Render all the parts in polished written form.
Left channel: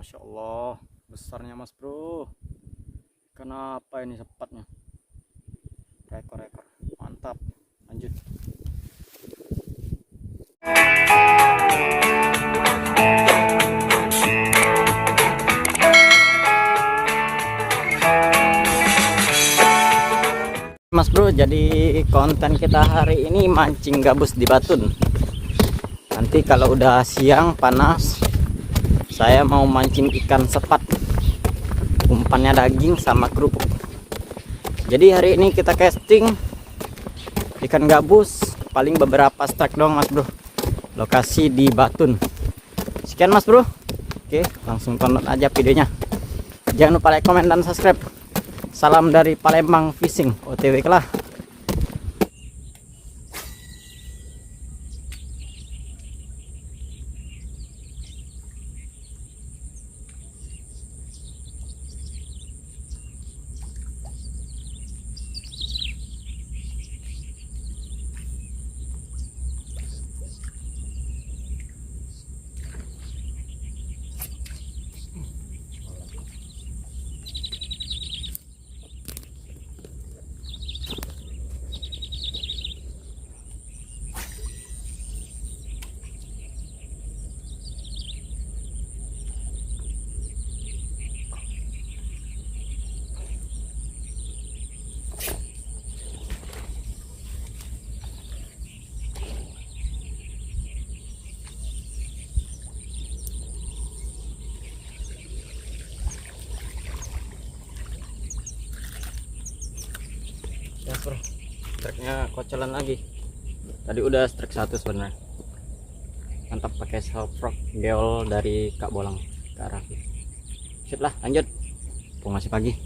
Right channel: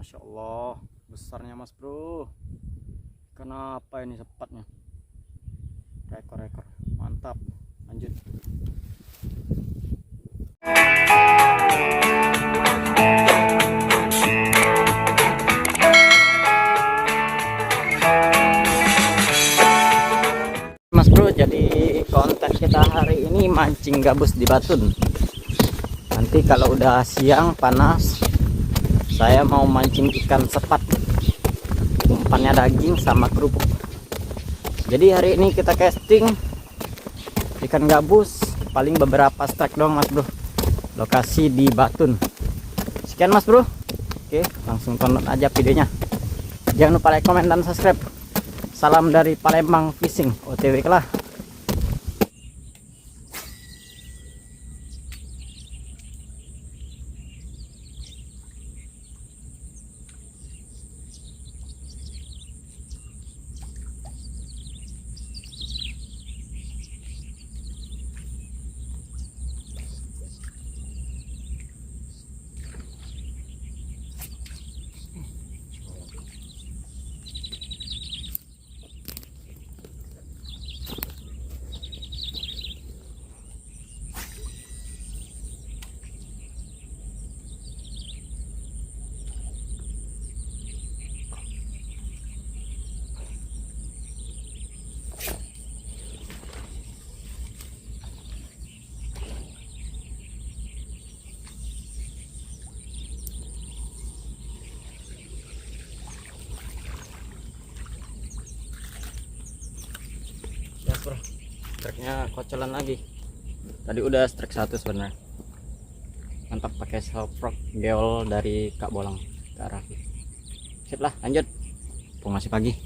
Masya Allah, besarnya mas bro. Kenapa ini sepatnya? Rekor-rekor, mantap. Lanjut. Mas bro, jadi konten kita hari ini mancing gabus di Batun. Nanti kalau udah siang panas, saya mau mancing ikan sepat. Umpannya daging sama kerupuk. Jadi hari ini kita casting ikan gabus, paling beberapa strike doang mas bro. Lokasi di Batun. Sekian mas bro. Oke, langsung tonton aja videonya. Jangan lupa like, komen, dan subscribe. Salam dari Palembang Fishing, OTW lah. Bro, strike-nya kocolan lagi. Tadi udah strike 1 sebenarnya. Mantap, pakai soft rock geol dari Kak Bolang ke arah. Sip lah, lanjut. Masih pagi.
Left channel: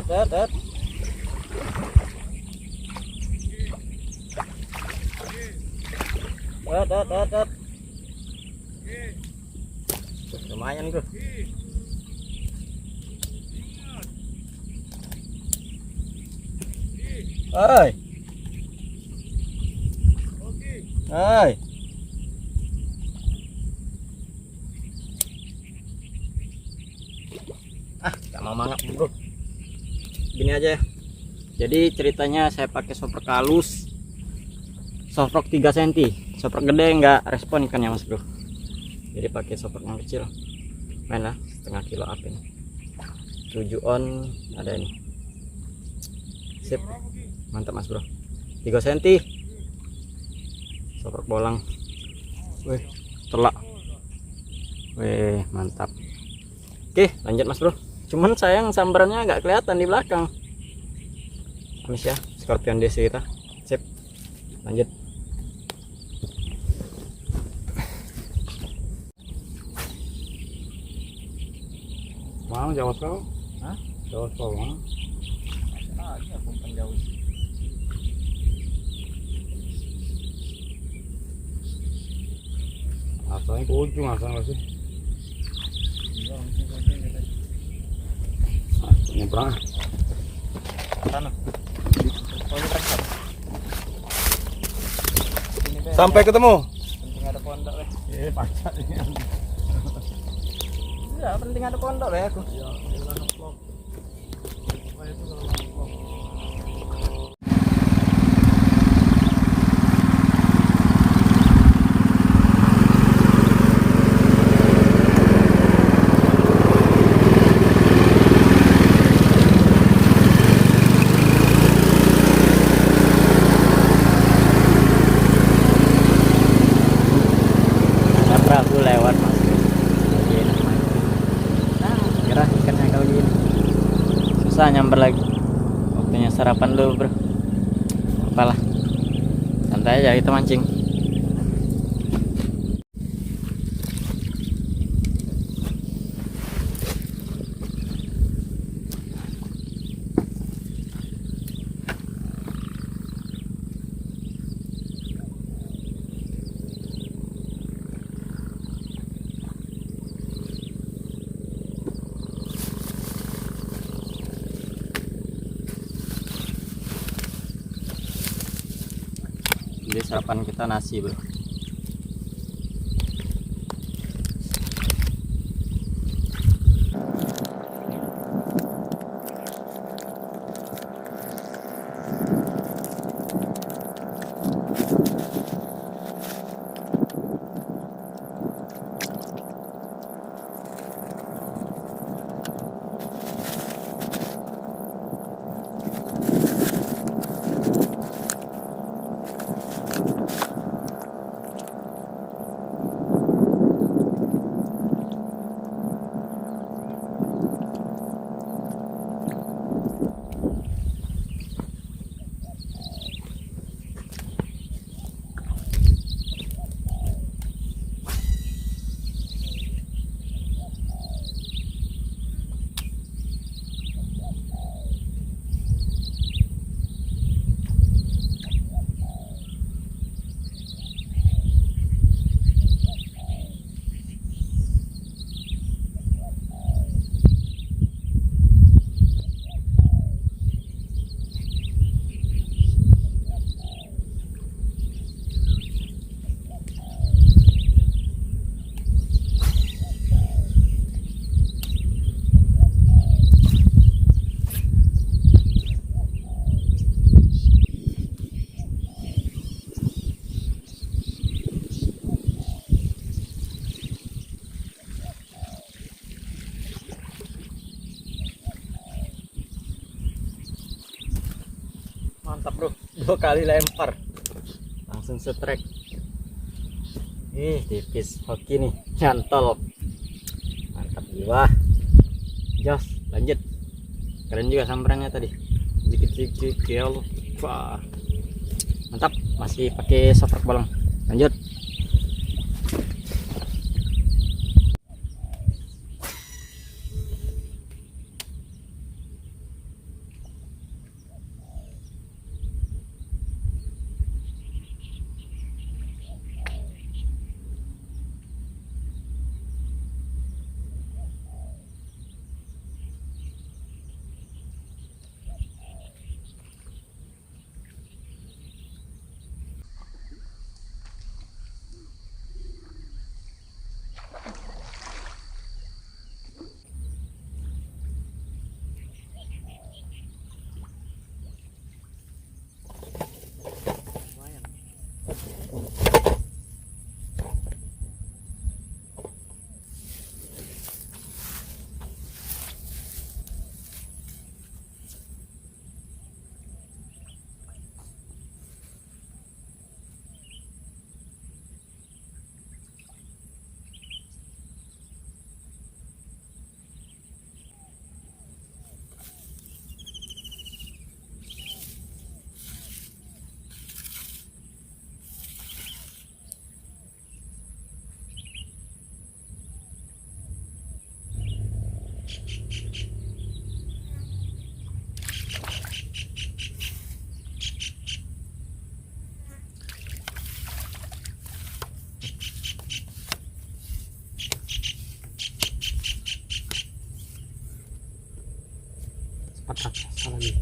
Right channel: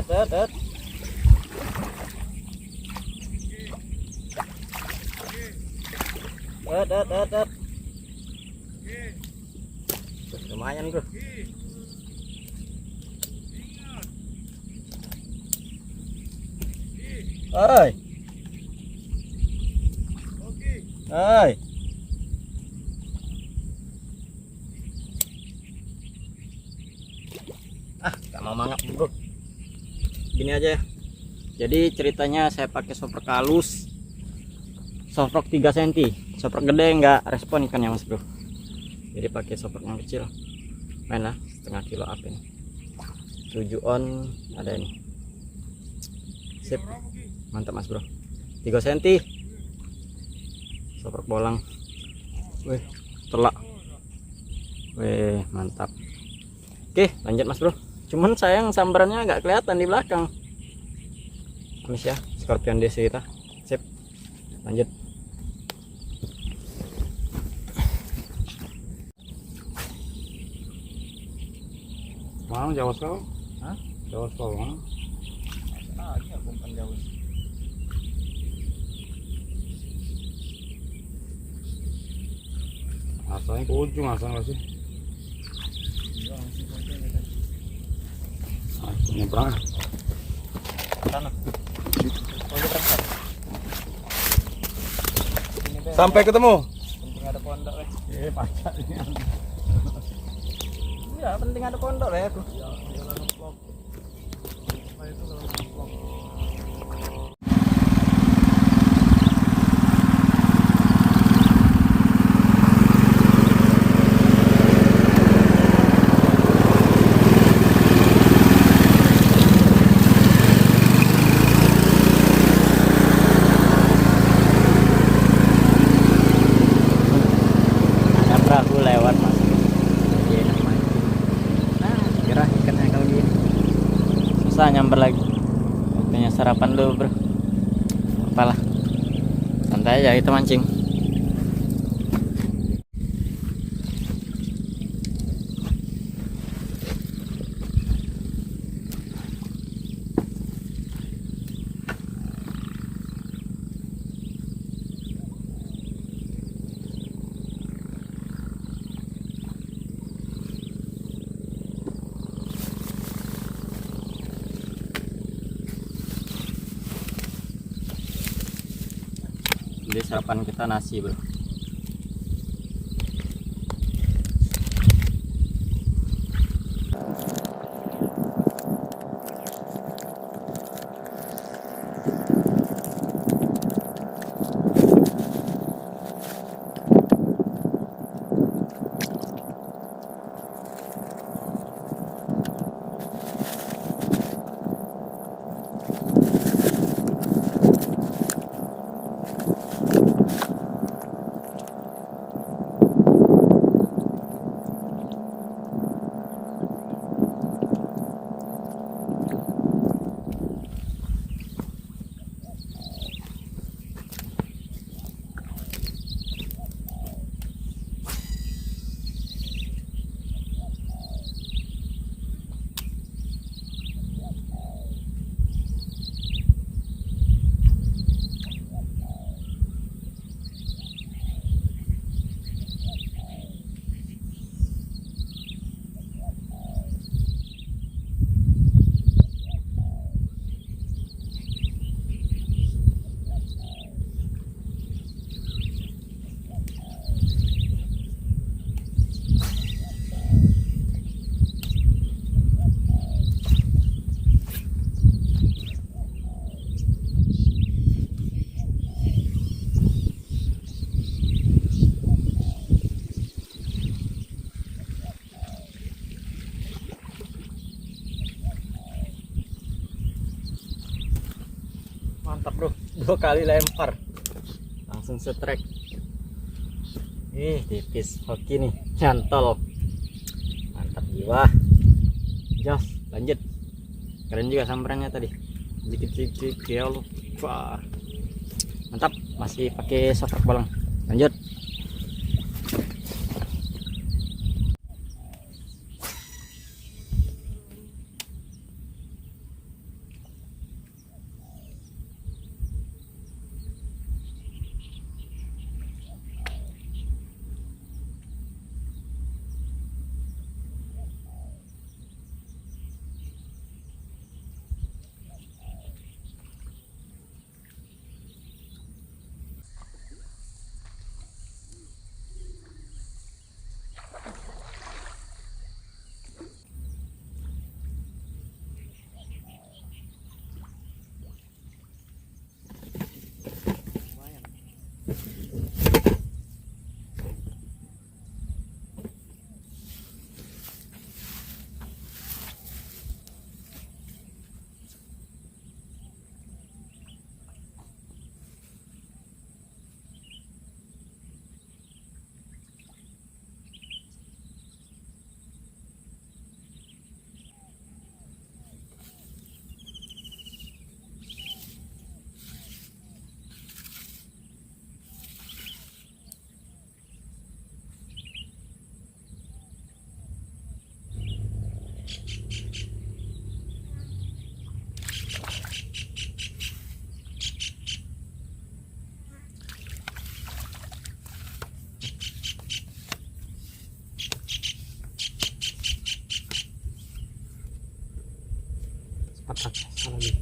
Dat. Lumayan bro. Hai. Hai. Gak mau mangap bro. Gini aja ya. Jadi ceritanya saya pakai soft rock halus, soft rock 3 cm. Soft rock gede nggak respon ikannya mas bro. Jadi pakai soft rock yang kecil. Main lah, setengah kilo up ini. 7 on ada ini. Sip. Mantap mas bro. 3 cm. Soft rock bolang. Wih, telak. Wih, mantap. Oke, lanjut mas bro. Cuman sayang sambarannya agak kelihatan di belakang. Amis ya, Scorpion DC kita. Sip. Lanjut. Mang jauh sekali. Hah? Jauh sekali. Masa aja umpan jauh. Asalnya ke ujung, asal nggak sih? Iya, langsung ke ujung ya tadi. Nyebrang. Sana. Oh, ini berangkat. Sampai ketemu. Penting ada pondok weh. Pacarnya. Ya, penting ada pondok weh aku. Ya, udah ngeplok. Apa itu kalau ngeplok? perahu lewat mas bro, lagi enak mancing. Nah gerah ikannya kalau gini, susah nyamber lagi. Waktunya sarapan dulu bro, apalah, santai aja itu mancing. Jadi sarapan kita nasi bro. Mantap bro, 2 kali lempar langsung setrek. Tipis hoki nih, nyantol. Mantap jiwa. Jos, lanjut. Keren juga sambarannya tadi, dikit-dikit kiol. Wah mantap, masih pakai softrak bolong. Lanjut. Salah lagi.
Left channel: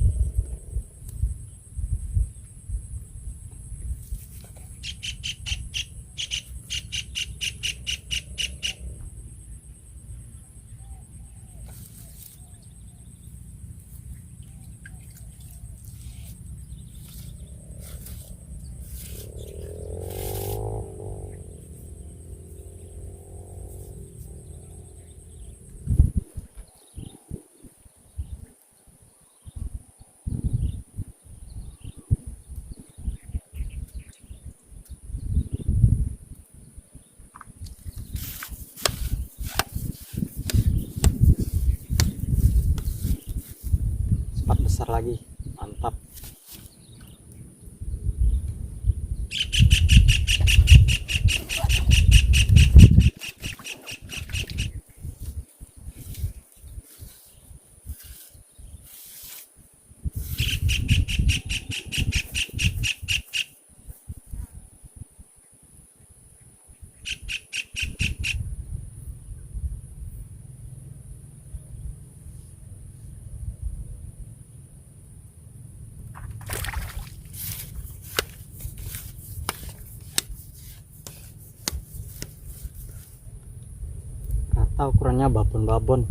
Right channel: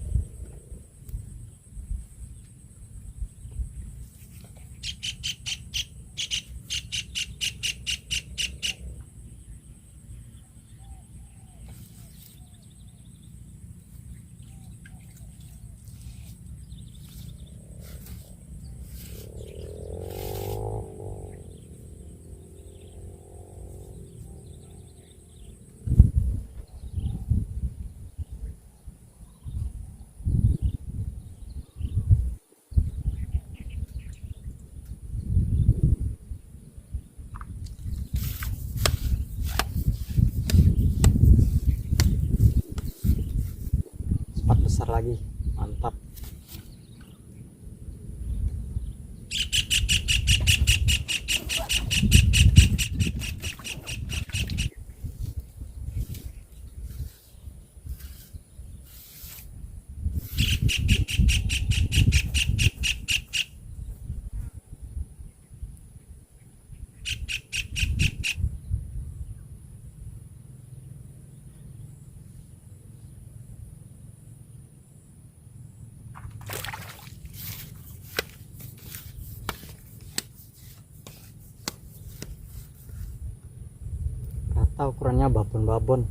besar lagi, mantap. Rata ukurannya babon-babon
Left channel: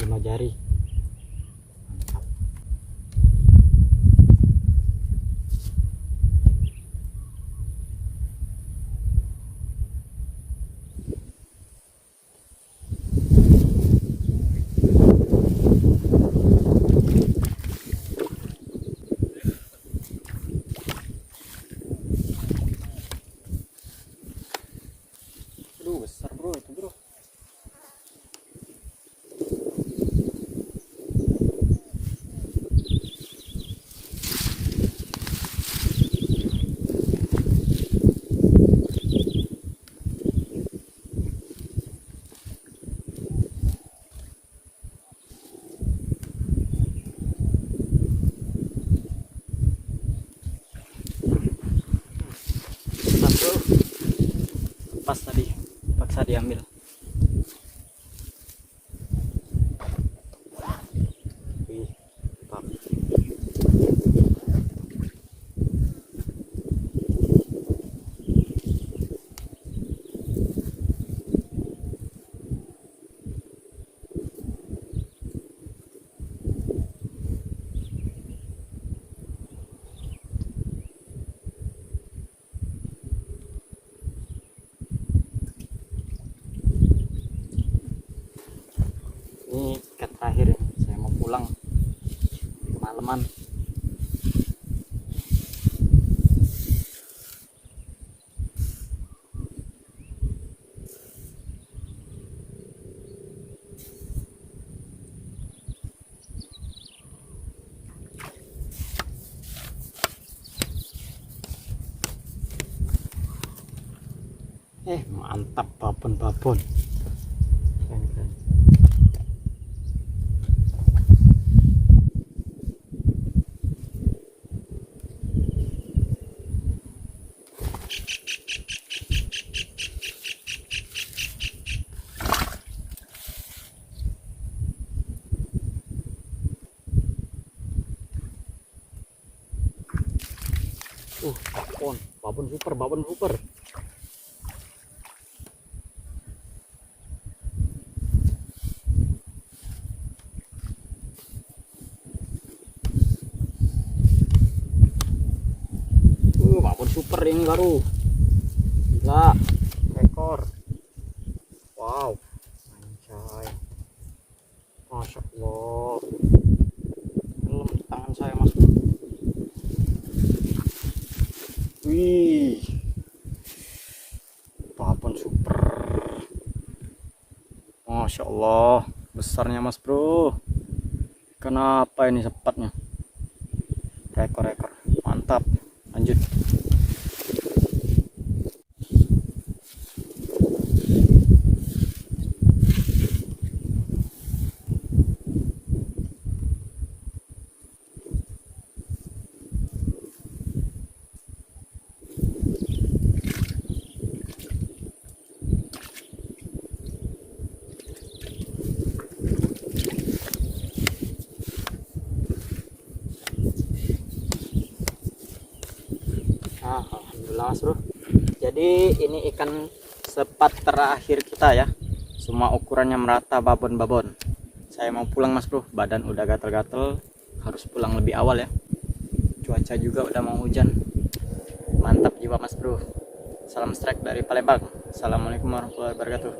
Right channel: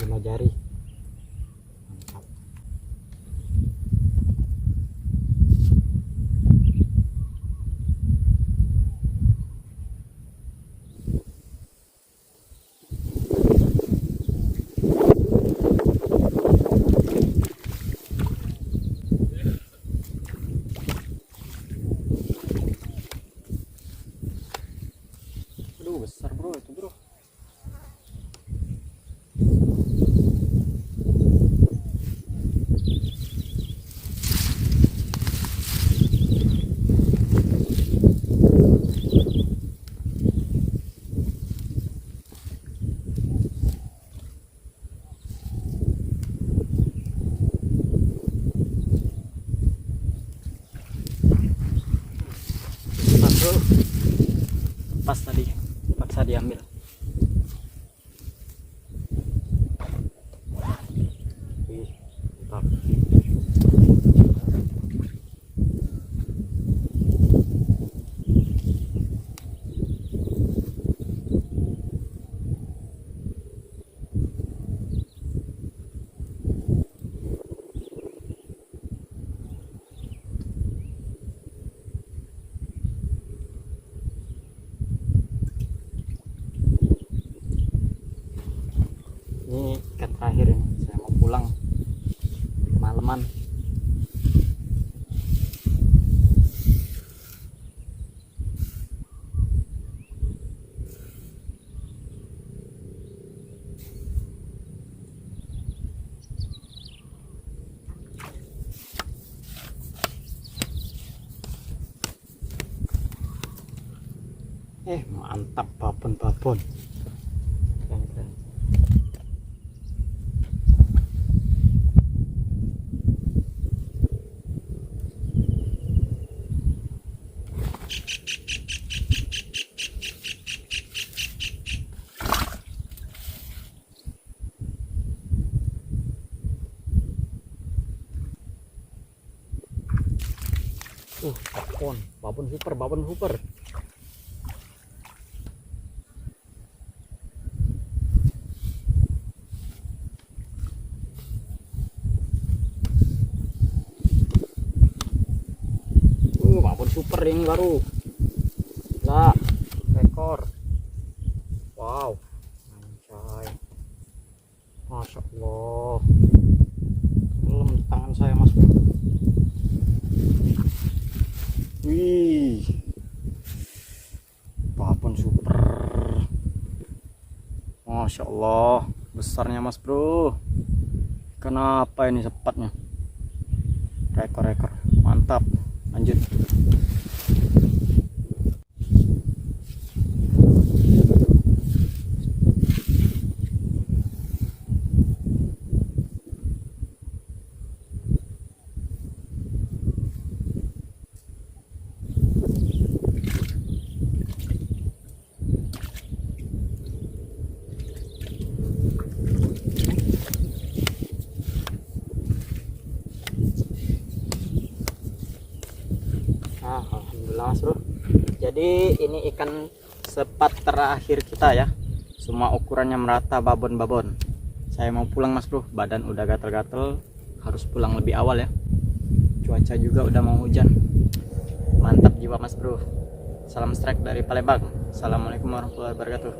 5 jari. Mantap. Aduh, besar bro itu bro. Besar bro. Pas tadi paksa diambil. Wih, mantap. Ini ikat terakhir ini, saya mau pulang kemalaman. Mantap, babon-babon. Keren-keren. Babon super, babon super. Babon super yang baru. Gila, ekor. Wow, anjay. Masya Allah. Belum di tangan saya mas. Wih, babon super. Masya Allah, besarnya mas bro. Kenapa ini sepatnya? Ekor-ekor, mantap. Lanjut. Alhamdulillah mas bro. Jadi ini ikan sepat terakhir kita ya. Semua ukurannya merata, babon-babon. Saya mau pulang mas bro, badan udah gatel-gatel, harus pulang lebih awal ya. Cuaca juga udah mau hujan. Mantap jiwa mas bro. Salam strike dari Palembang. Assalamualaikum warahmatullahi wabarakatuh.